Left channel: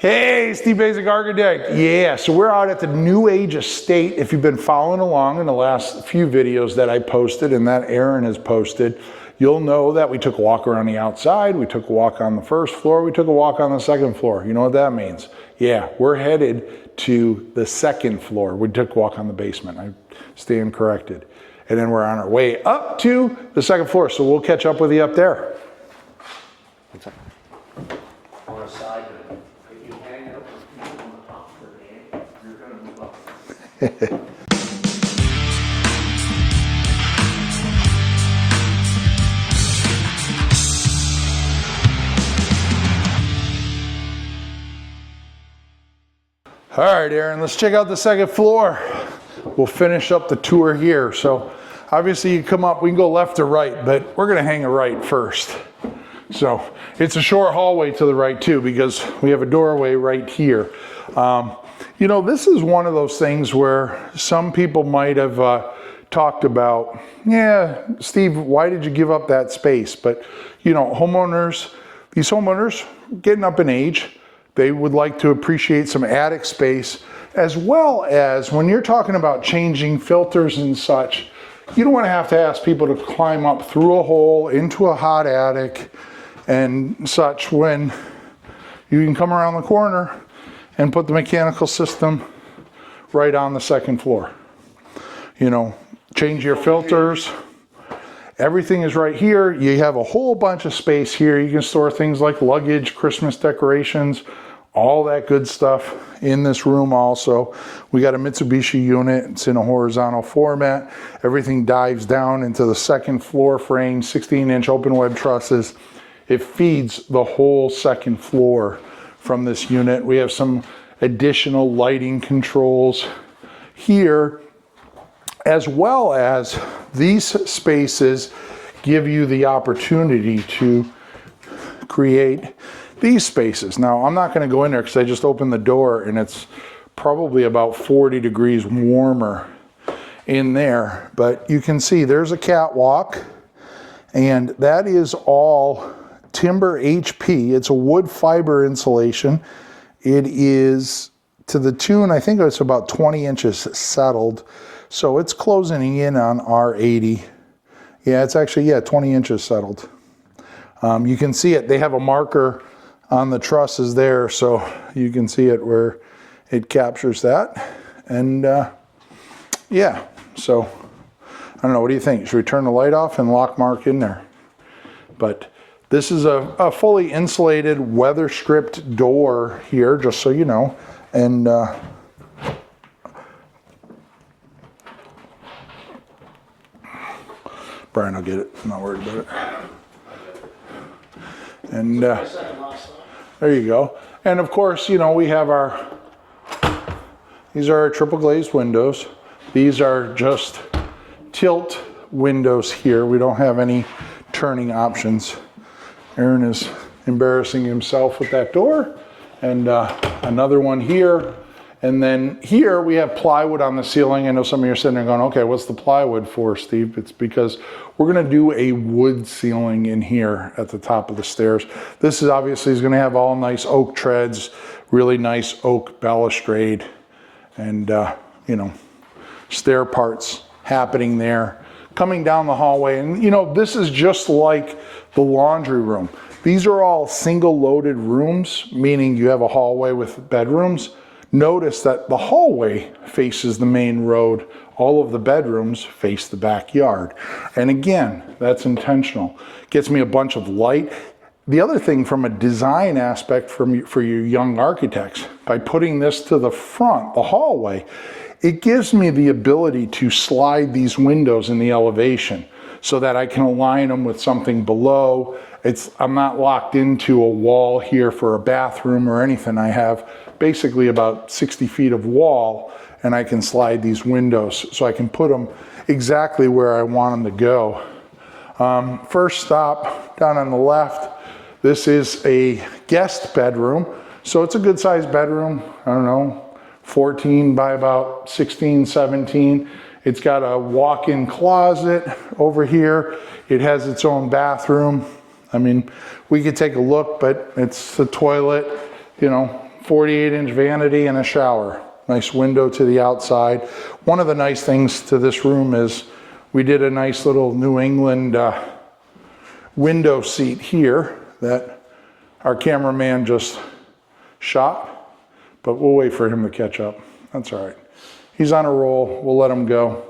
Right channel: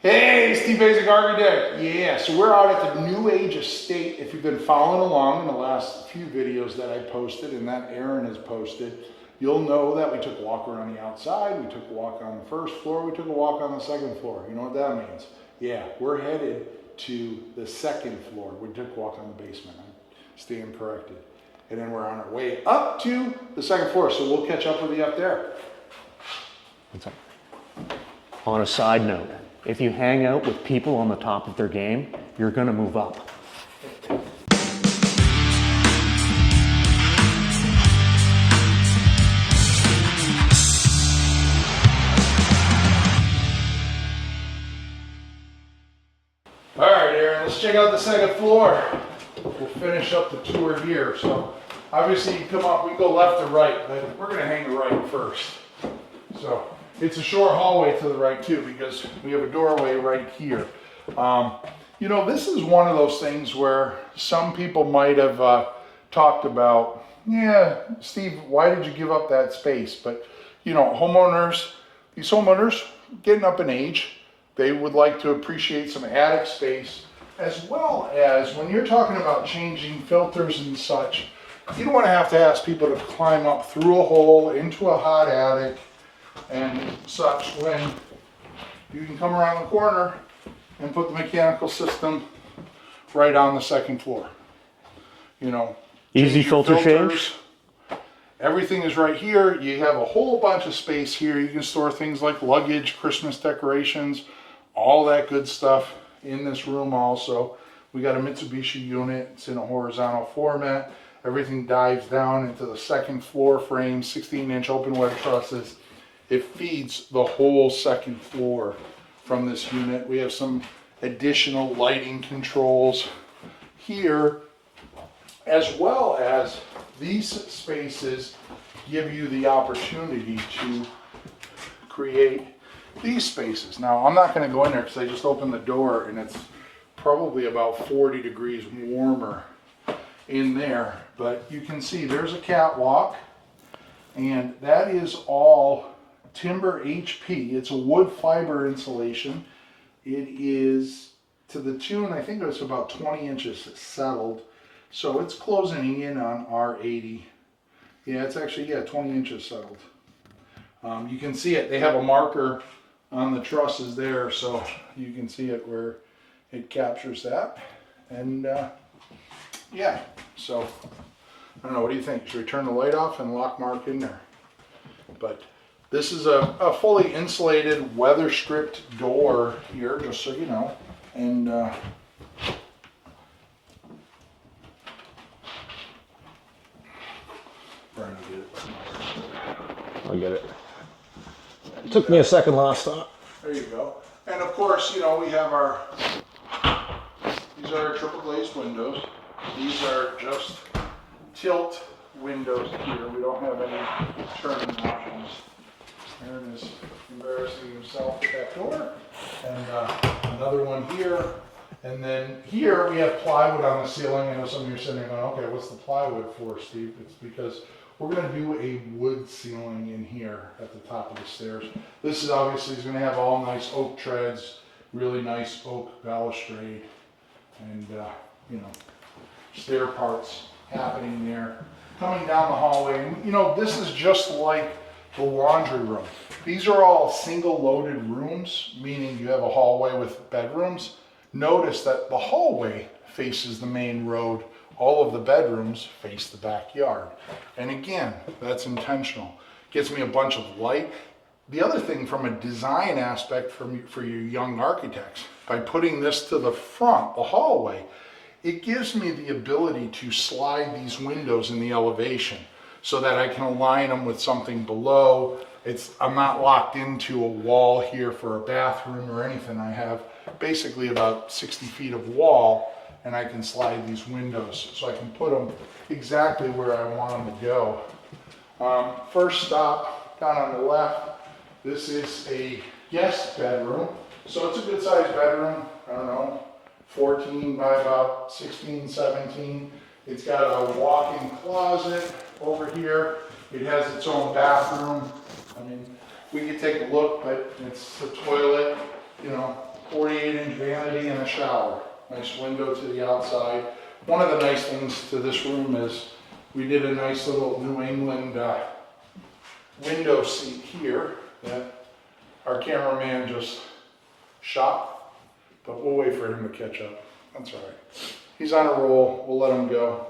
Hey, Steve Basic Architect. Yeah, so we're out at the New Age Estate. If you've been following along in the last few videos that I posted and that Aron has posted, you'll know that we took a walk around the outside, we took a walk on the first floor, we took a walk on the second floor. You know what that means? Yeah, we're headed to the second floor. We took a walk on the basement. I stand corrected. And then we're on our way up to the second floor, so we'll catch up with you up there. On a side note, if you hang out with people on the top of their game, you're going to move up. All right, Aron, let's check out the second floor. We'll finish up the tour here. So obviously you come up, we can go left or right, but we're gonna hang a right first. So it's a short hallway to the right too, because we have a doorway right here. You know, this is one of those things where some people might have talked about, yeah, Steve, why did you give up that space? But you know, these homeowners getting up in age, they would like to appreciate some attic space, as well as when you're talking about changing filters and such, you don't want to ask people to climb up through a hole into a hot attic and such, when you can come around the corner and put the mechanical system right on the second floor. You know, change your filters. Everything is right here. You have a whole bunch of space here. You can store things like luggage, Christmas decorations, all that good stuff in this room also. We got a Mitsubishi unit. It's in a horizontal format. Everything dives down into the second floor frame, 16-inch open web trusses. It feeds the whole second floor from this unit. We have some additional lighting controls here, as well as these spaces give you the opportunity to create these spaces. Now, I'm not going to go in there because I just opened the door and it's probably about 40 degrees warmer in there. But you can see there's a catwalk, and that is all timber HP. It's a wood fiber insulation. It is to the tune, I think it's about 20 inches settled. So it's closing in on R80. Yeah, it's actually, 20 inches settled. You can see it. They have a marker on the trusses there, so you can see it where it captures that. And yeah, so I don't know, what do you think? Should we turn the light off and lock Mark in there? But this is a fully insulated, weather stripped door here, just so you know. And Brian will get it. I'm not worried about it. I'll get it. And Took me a second last thought. there you go. And of course, you know, we have these are our triple glazed windows. These are just tilt windows here. We don't have any turning options. Aron is embarrassing himself with that door. And another one here. And then here we have plywood on the ceiling. I know some of you are sitting there going, okay, what's the plywood for, Steve? It's because we're gonna do a wood ceiling in here at the top of the stairs. This is obviously gonna have all nice oak treads, really nice oak balustrade, and you know, stair parts happening there. Coming down the hallway, and you know, this is just like the laundry room. These are all single loaded rooms, meaning you have a hallway with bedrooms. Notice that the hallway faces the main road. All of the bedrooms face the backyard. And again, that's intentional. Gets me a bunch of light. The other thing from a design aspect for you young architects, by putting this to the front, the hallway, it gives me the ability to slide these windows in the elevation so that I can align them with something below. I'm not locked into a wall here for a bathroom or anything. I have basically about 60 feet of wall, and I can slide these windows so I can put them exactly where I want them to go. First stop down on the left, this is a guest bedroom. So it's a good sized bedroom, I don't know, 14 by about 16, 17. It's got a walk-in closet over here. It has its own bathroom. I mean, we could take a look, but it's the toilet, you know, 48-inch vanity and a shower. Nice window to the outside. One of the nice things to this room is we did a nice little New England window seat here that our cameraman just shot, but we'll wait for him to catch up. That's all right. He's on a roll. We'll let him go.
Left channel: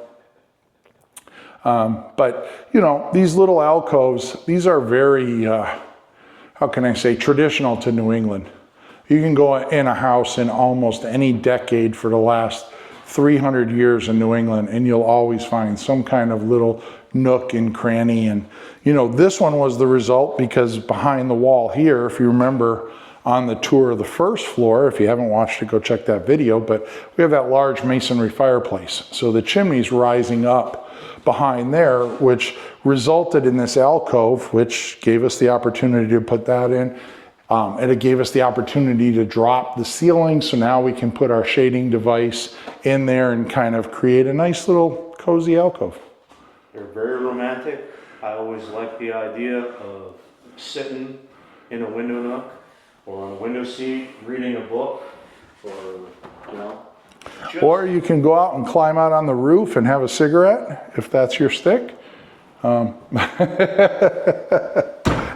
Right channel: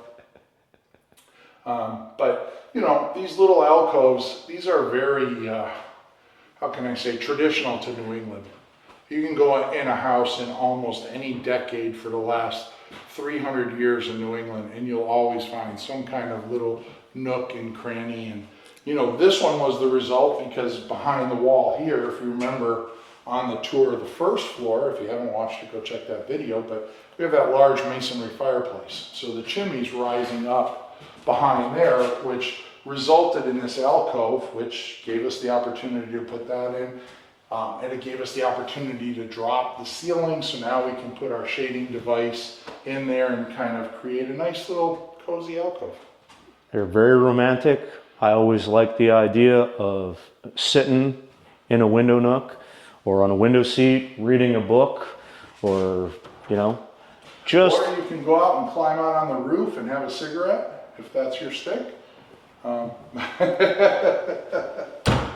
But, you know, these little alcoves, these are very, how can I say, traditional to New England. You can go in a house in almost any decade for the last 300 years in New England, and you'll always find some kind of little nook and cranny. And, you know, this one was the result because behind the wall here, if you remember on the tour of the first floor, if you haven't watched it, go check that video, but we have that large masonry fireplace. So the chimney's rising up behind there, which resulted in this alcove, which gave us the opportunity to put that in. And it gave us the opportunity to drop the ceiling, so now we can put our shading device in there and kind of create a nice little cozy alcove. They're very romantic. I always like the idea of sitting in a window nook or on a window seat, reading a book, or, you know, just... Or you can go out and climb out on the roof and have a cigarette, if that's your stick.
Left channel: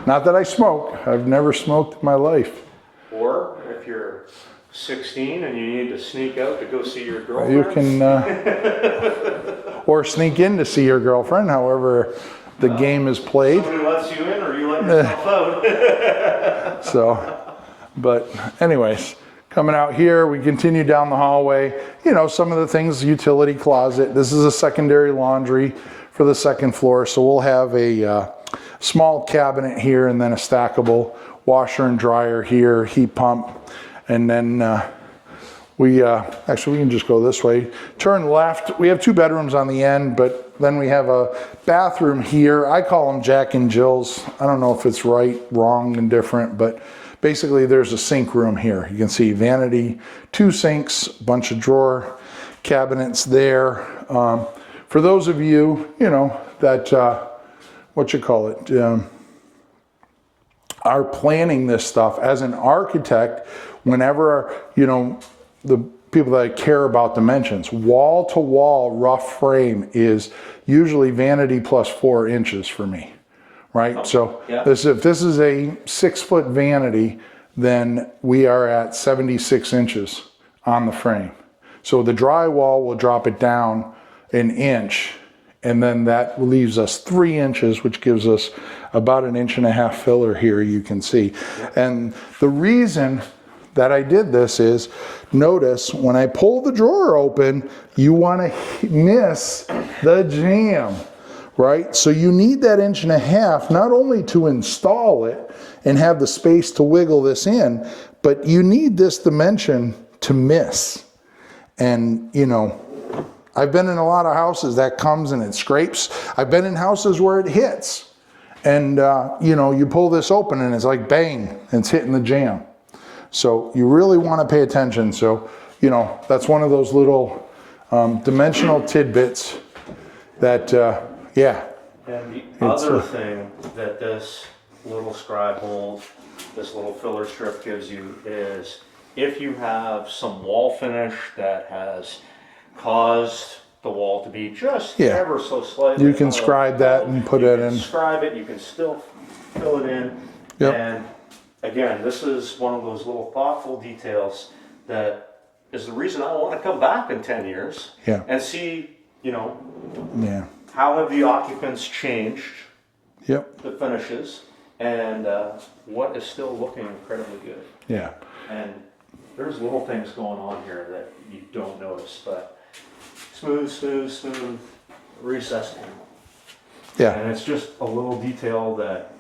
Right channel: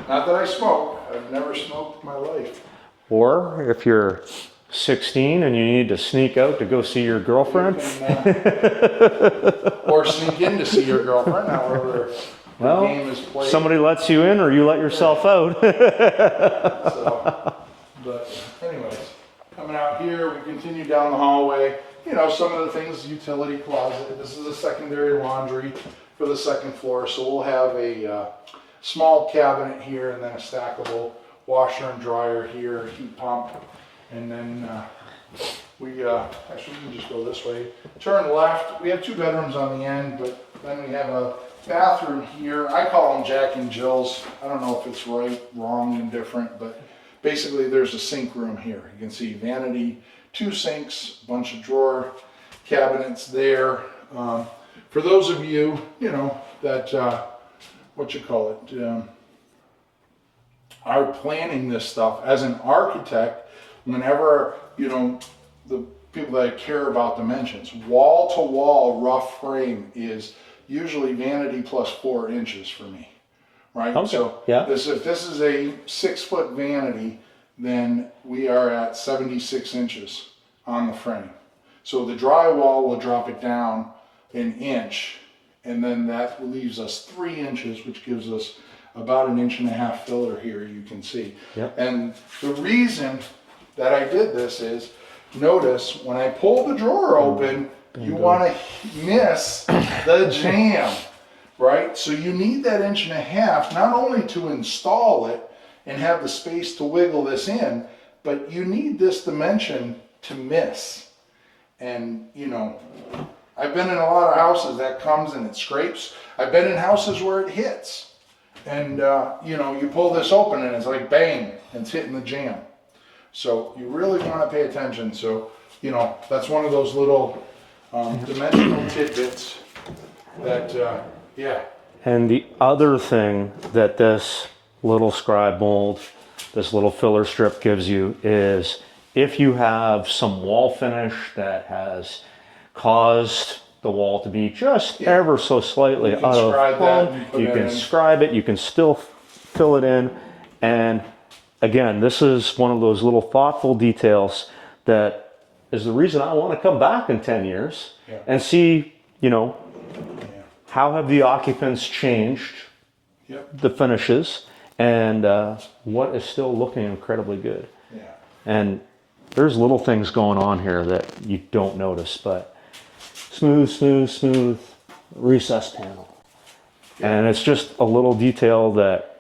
Not that I smoke. I've never smoked in my life. Or if you're 16 and you need to sneak out to go see your girlfriend. You can, or sneak in to see your girlfriend, however the game is played. Somebody lets you in or you let yourself out. So, but anyways, coming out here, we continue down the hallway. You know, some of the things, utility closet. This is a secondary laundry for the second floor. So we'll have a small cabinet here and then a stackable washer and dryer here, heat pump. And then actually we can just go this way. Turn left. We have 2 bedrooms on the end, but then we have a bathroom here. I call them Jack and Jill's. I don't know if it's right, wrong, and different, but basically there's a sink room here. You can see vanity, 2 sinks, bunch of drawer cabinets there. For those of you, you know, that, are planning this stuff as an architect, whenever, you know, the people that care about dimensions, wall to wall rough frame is usually vanity plus 4 inches for me, right? Okay. So yeah. if this is a 6-foot vanity, then we are at 76 inches on the frame. So the drywall will drop it down an inch, and then that leaves us 3 inches, which gives us about 1.5 inch filler here, you can see. Yeah. And the reason that I did this is, notice when I pull the drawer open, you want to miss the jamb, right? So you need that 1.5 inches, not only to install it and have the space to wiggle this in, but you need this dimension to miss. And, you know, I've been in a lot of houses that comes and it scrapes. I've been in houses where it hits. And, you know, you pull this open and it's like bang, and it's hitting the jamb. So you really want to pay attention. So, you know, that's one of those little dimensional tidbits that, yeah. And the other thing that this little scribe mold, this little filler strip gives you is if you have some wall finish that has caused the wall to be just ever so slightly you can scribe that and put it in. You can scribe it, you can still fill it in. Yep. And again, this is one of those little thoughtful details that is the reason I want to come back in 10 years and see, you know, how have the occupants changed the finishes and what is still looking incredibly good. Yeah. And there's little things going on here that you don't notice, but smooth recessed panel. Yeah. And it's just a little detail that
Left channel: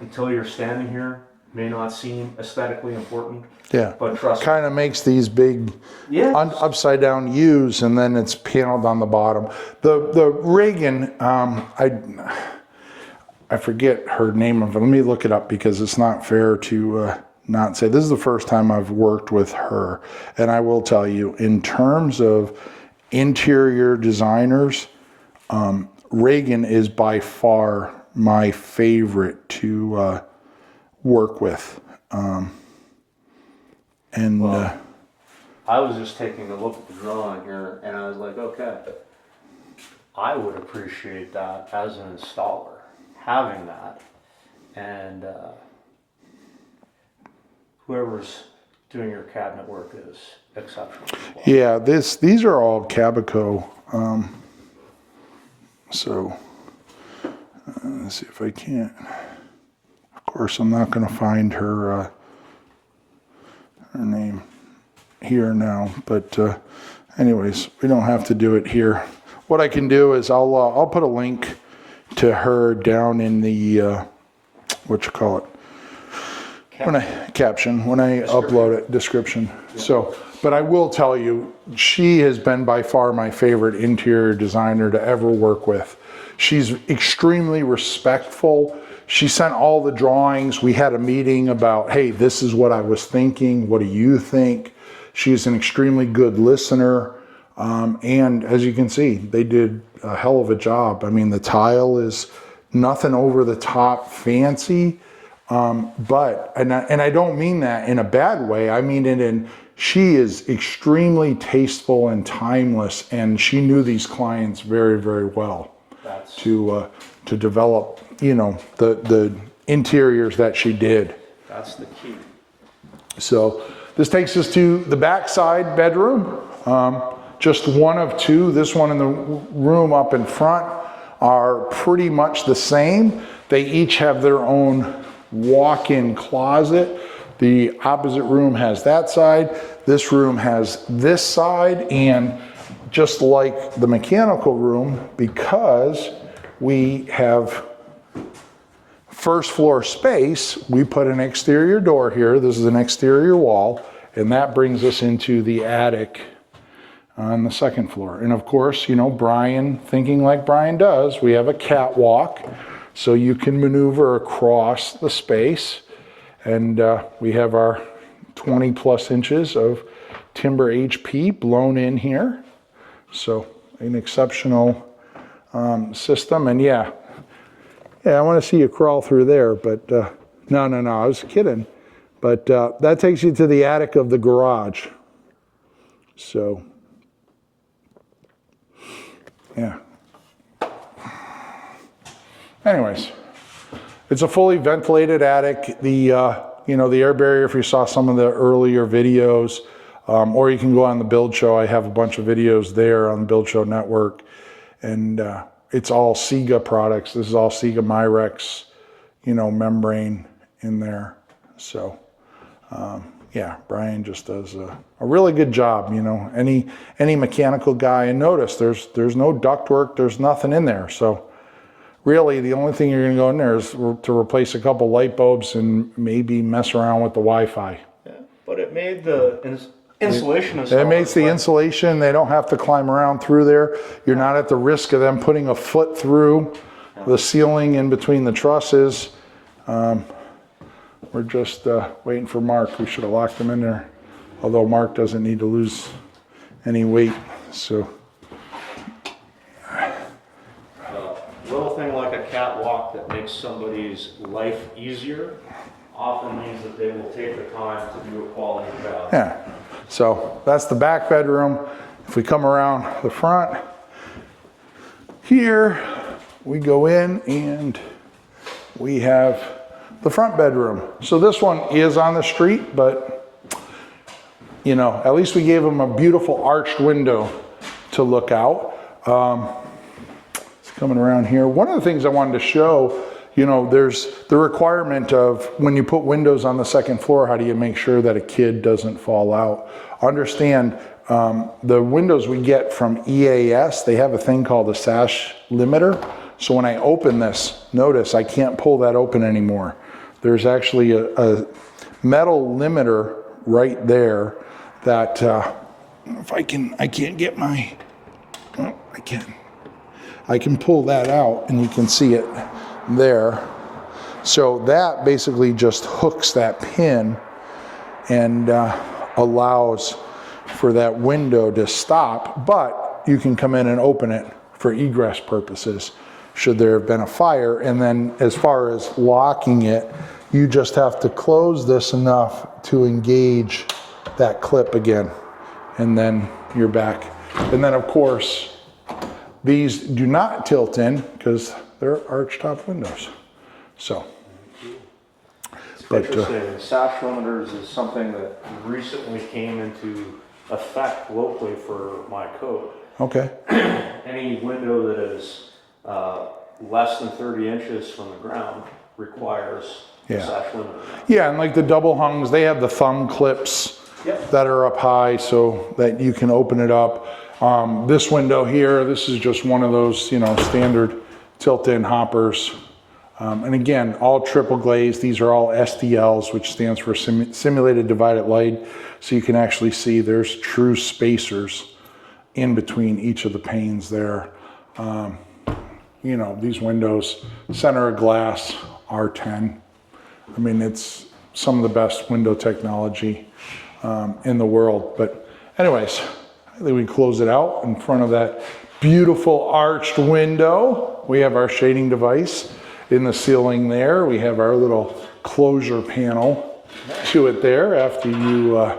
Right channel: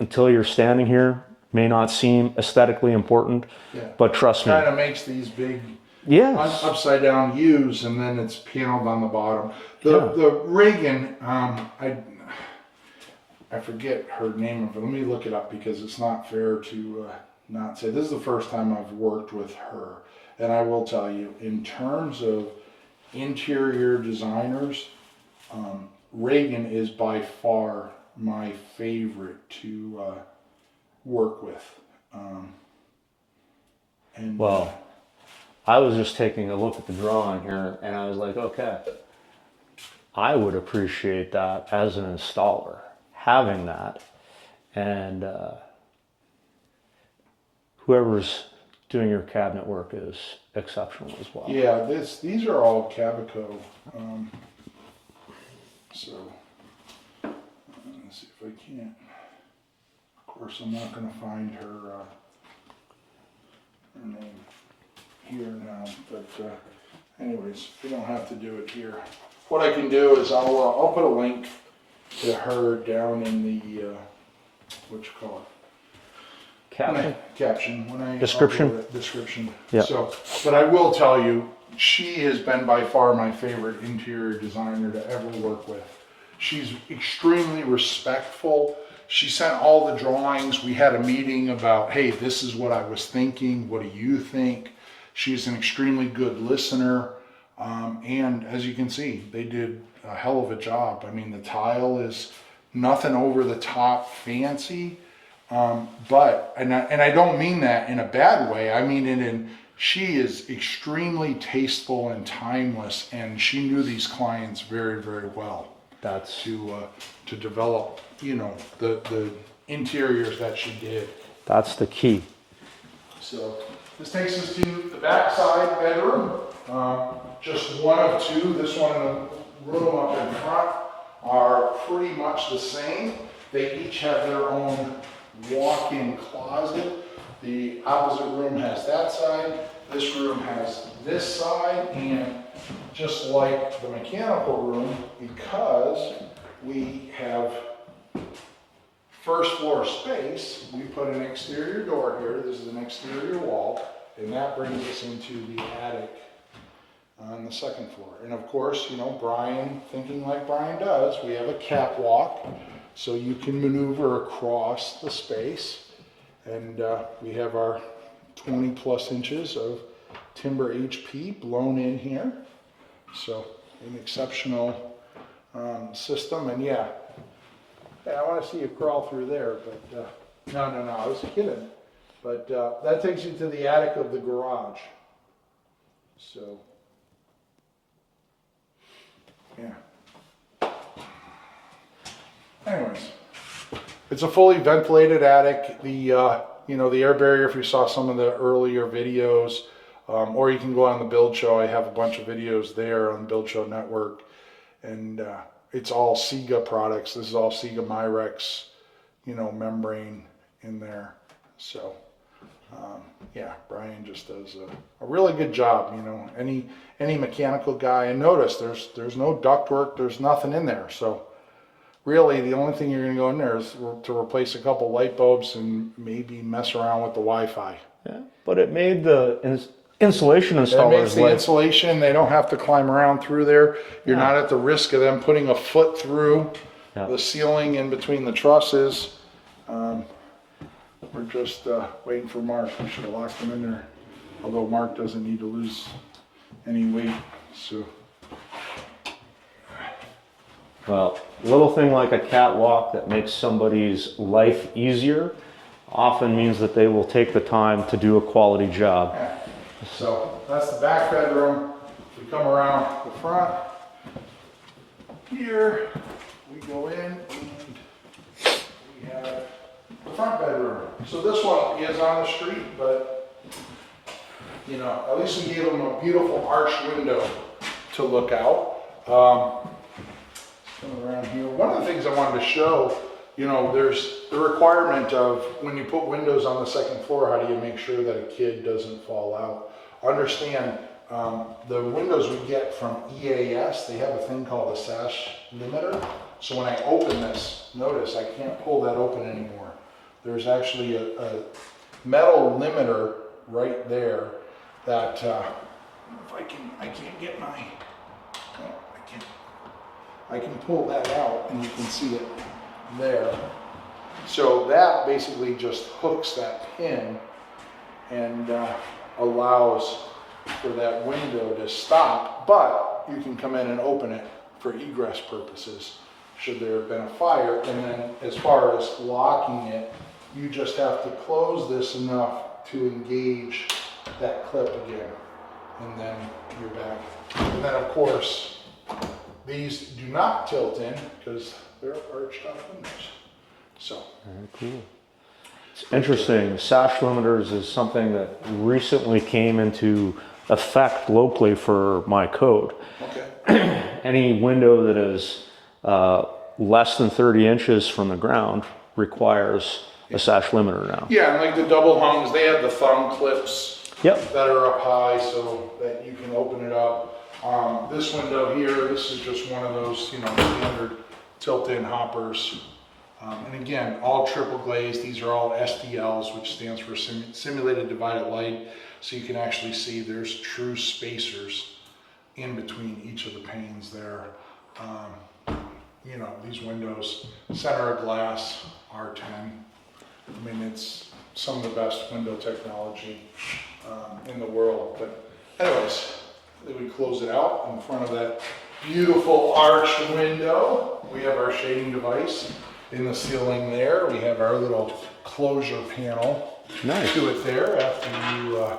until you're standing here may not seem aesthetically important. Yeah. But trust me. Kind of makes these big upside down U's and then it's paneled on the bottom. The rigging, I forget her name of it. Let me look it up because it's not fair to not say. This is the first time I've worked with her. And I will tell you, in terms of interior designers, Reagan is by far my favorite to work with. And Well, I was just taking a look at the drawing here, and I was like, okay, I would appreciate that as an installer, having that, and whoever's doing your cabinet work is exceptional as well. yeah, these are all Cabico. So let's see if I can't. Of course, I'm not going to find her name here now, but anyways, we don't have to do it here. What I can do is I'll put a link to her down in the what you call it, caption when I upload it, description. Yep. So, but I will tell you, she has been by far my favorite interior designer to ever work with. She's extremely respectful. She sent all the drawings. We had a meeting about, hey, this is what I was thinking. What do you think? She's an extremely good listener. And as you can see, they did a hell of a job. I mean, the tile is nothing over the top fancy. But I don't mean that in a bad way. I mean it in, she is extremely tasteful and timeless, and she knew these clients very, very well. That's to develop, you know, the interiors that she did. That's the key. So this takes us to the backside bedroom. Just one of two. This one and the room up in front are pretty much the same. They each have their own walk-in closet. The opposite room has that side. This room has this side, and just like the mechanical room, because we have first floor space, we put an exterior door here. This is an exterior wall, and that brings us into the attic on the second floor. And of course, you know, Brian, thinking like Brian does, we have a catwalk, so you can maneuver across the space. And we have our 20 plus inches of timber HP blown in here. So an exceptional system. And yeah, I want to see you crawl through there, but no, I was kidding. But that takes you to the attic of the garage. So, yeah. Anyways, it's a fully ventilated attic. The you know, the air barrier, if you saw some of the earlier videos, or you can go on the Build Show. I have a bunch of videos there on the Build Show network, and it's all Sega products. This is all Sega Myrex, you know, membrane in there. So, yeah, Brian just does a really good job. You know, any mechanical guy, and notice there's no ductwork, there's nothing in there. So, really, the only thing you're going to go in there is to replace a couple light bulbs and maybe mess around with the Wi-Fi. Yeah, but it made the insulation installers. It makes the insulation. They don't have to climb around through there. You're not at the risk of them putting a foot through the ceiling in between the trusses. We're just waiting for Mark. We should have locked him in there. Although Mark doesn't need to lose any weight. So, well, a little thing like a catwalk that makes somebody's life easier often means that they will take the time to do a quality job. yeah. So that's the back bedroom. If we come around the front here, we go in and we have the front bedroom. So this one is on the street, but you know, at least we gave them a beautiful arched window to look out. Coming around here, one of the things I wanted to show, you know, there's the requirement of when you put windows on the second floor, how do you make sure that a kid doesn't fall out? Understand, the windows we get from EAS, they have a thing called a sash limiter. So when I open this, notice I can't pull that open anymore. There's actually a metal limiter right there that if I can't get my, oh, I can pull that out and you can see it there. So that basically just hooks that pin and allows for that window to stop, but you can come in and open it for egress purposes should there have been a fire. And then as far as locking it, you just have to close this enough to engage that clip again, and then you're back. And then of course, these do not tilt in because they're arch top windows. So. Very cool. It's interesting. Sash limiters is something that recently came into effect locally for my code. Okay. Any window that is less than 30 inches from the ground requires a sash limiter now. Yeah, and like the double hungs, they have the thumb clips that are up high so that you can open it up. This window here, this is just one of those, you know, standard tilt-in hoppers. And again, all triple glazed. These are all SDLs, which stands for simulated divided light. So you can actually see there's true spacers in between each of the panes there. You know, these windows, center of glass, R10. I mean, it's some of the best window technology in the world. But anyways, I think we close it out in front of that beautiful arched window. We have our shading device in the ceiling there. We have our little closure panel to it there after you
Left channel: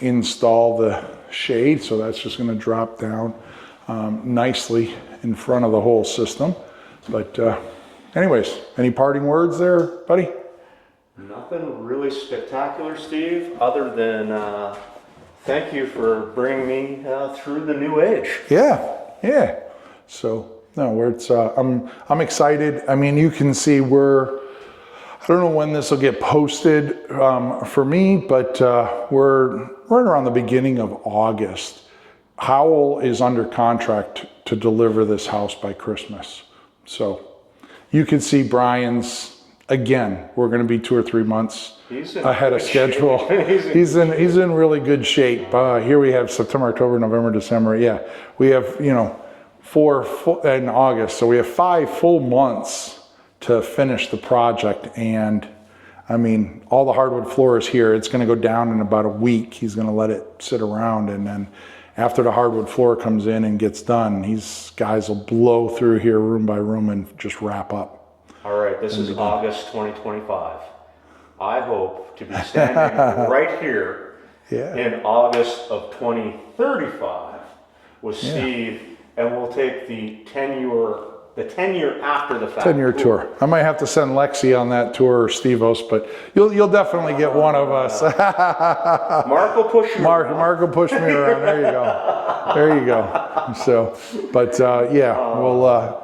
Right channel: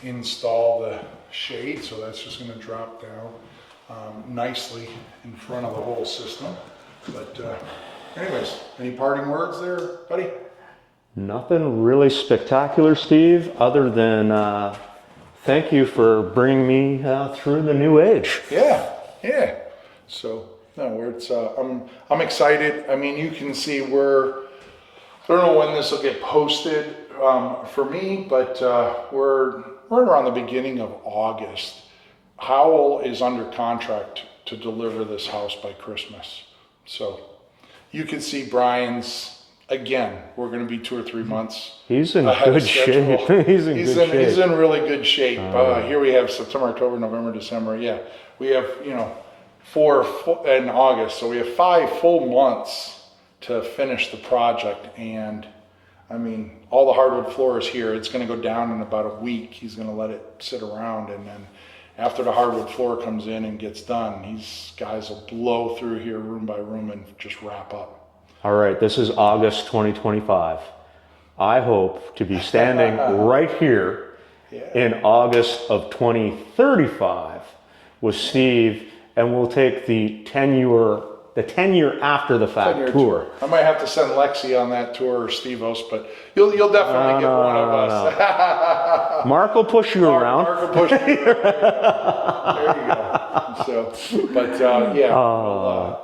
install the shade. So that's just going to drop down nicely in front of the whole system. But anyways, any parting words there, buddy? Nothing really spectacular, Steve, other than thank you for bringing me through the new age. Yeah. So no, where it's I'm excited. I mean, you can see I don't know when this will get posted for me, but we're right around the beginning of August. Howell is under contract to deliver this house by Christmas. So you can see Brian's, again, we're going to be 2 or 3 months ahead of schedule. He's in really good shape. Here we have September, October, November, December. Yeah, we have, you know, 4 in August. So we have 5 full months to finish the project. And I mean, all the hardwood floor is here. It's going to go down in about a week. He's going to let it sit around. And then after the hardwood floor comes in and gets done, these guys will blow through here room by room and just wrap up. All right, this is August 2025. I hope to be standing right here in August of 2035 with Steve, and we'll take the 10-year after the fact 10-year tour. I might have to send Lexi on that tour or Steve-Os, but you'll definitely get one of us. Mark will push you around. Mark will push me around. There you go. So, but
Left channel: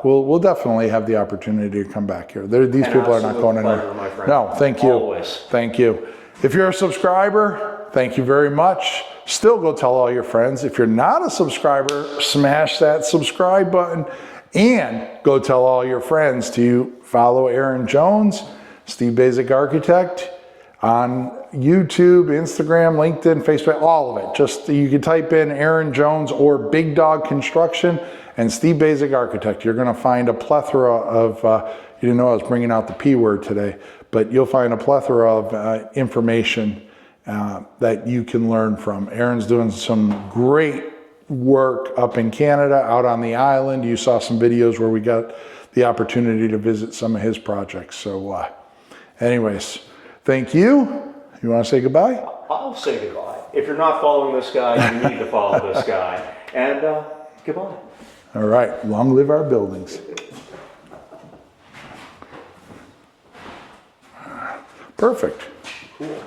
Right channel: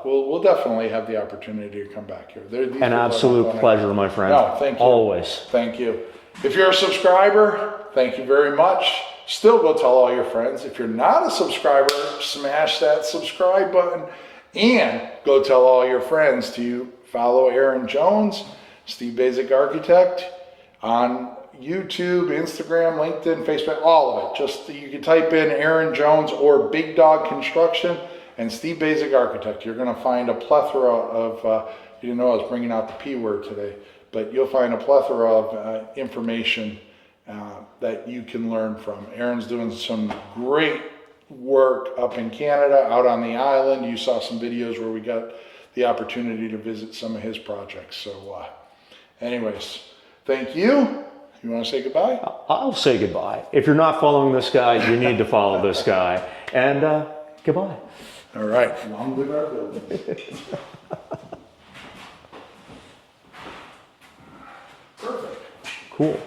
we'll definitely have the opportunity to come back here. These An people absolute are not going pleasure, my friend. No, thank you. Always. Thank you. If you're a subscriber, thank you very much. Still go tell all your friends. If you're not a subscriber, smash that subscribe button and go tell all your friends to follow Aron Jones, Steve Basic Architect on YouTube, Instagram, LinkedIn, Facebook, all of it. Just you can type in Aron Jones or Big Dog Construction and Steve Basic Architect. You're going to find a plethora of, you didn't know I was bringing out the P word today, but you'll find a plethora of information that you can learn from. Aron's doing some great work up in Canada, out on the island. You saw some videos where we got the opportunity to visit some of his projects. So anyways, thank you. You want to say goodbye? I'll say goodbye. If you're not following this guy, you need to follow this guy. And goodbye. All right. Long live our buildings. Perfect. Cool.